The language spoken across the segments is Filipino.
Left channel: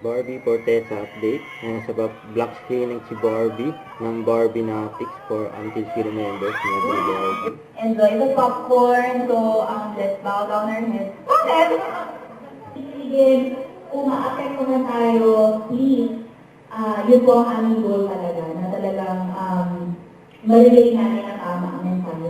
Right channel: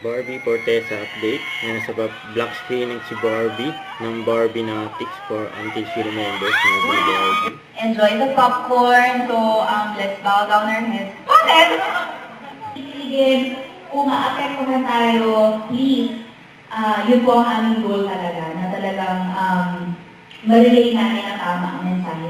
Barbie Fortesa update. Yan, nasa black screening si Barbie ng Barbie Natics for until she remembers movie Barbie. Enjoy the popcorn. So, let's bow down our heads. Bakit? Isigin, kung maapektuhan tayo, please, yun po ang aming goal talaga, na talagang marilay namin ang tamang mensahe.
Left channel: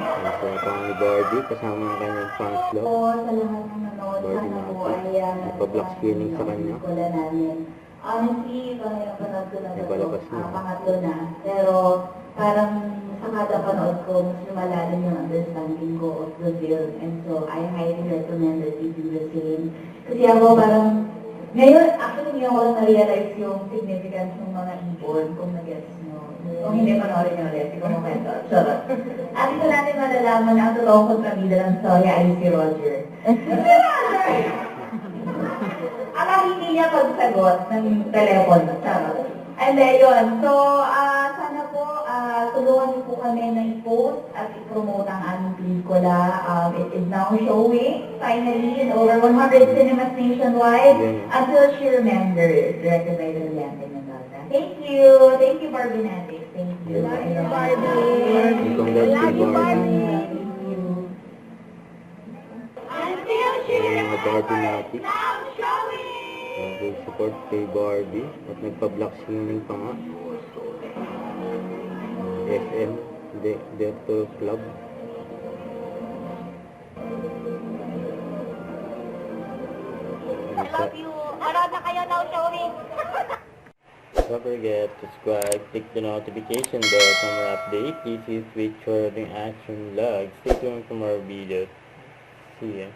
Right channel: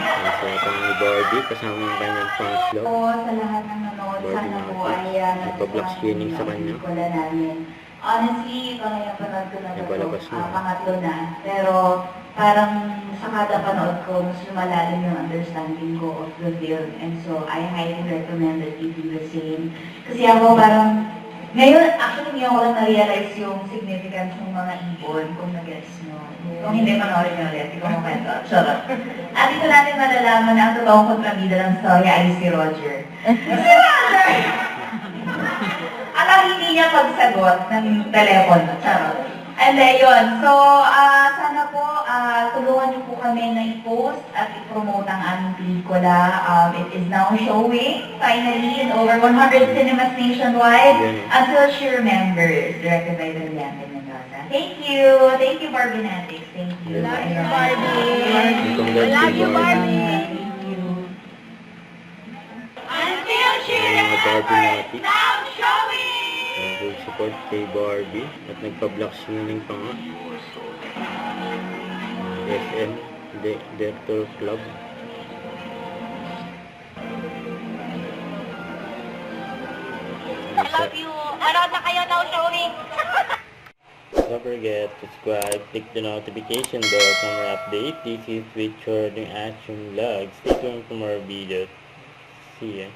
Yan siya itong ni Barbie kasama yung kanyang fans love. Po sa lahat ng nanood, sana po ay Nagpa-black screening sa kanya. pelikula namin. Honestly, ito na yung panood ko na Nagpalabas ito, na. pangatlo na. Pero parang sa kada panood ko, mas lumalalim yung understanding ko of the film. And so, I highly recommend that you do the same. Kasi ako parang, ngayon, actually, ngayon ko lang na-realize yung significance ng mga ibon, kung nag-gets mo. Kung hindi, panoorin nyo ulit. Hindi ko mo kwento. Charot. At dito natin malalaman na ang totoong kontrabida ng storya ay si Roger. Si Roger! Alam, hindi niya pagsagot ng telepono. Charot. And then, yun. So, sana po, tulungan niyo po kami na i-post at i-promote ang aming pelikula. It is now showing, finally, in over 100 cinemas nationwide, until she remembers, directed by Brillante Mendoza. Thank you. Thank you, Barbie Natics. Thank you. Love you, Barbie. Love you, Barbie. Thank you. Until she Yan yung Barbie Natics. now showing. Full support kay Barbie at nagpa-black screening pa nga. SM Director Club. Love you. Manood na kayo now showing. Don't forget to subscribe, click the notification bell for more update. This is with Jordan Action Vlog. Stay tuned for more videos. See ya.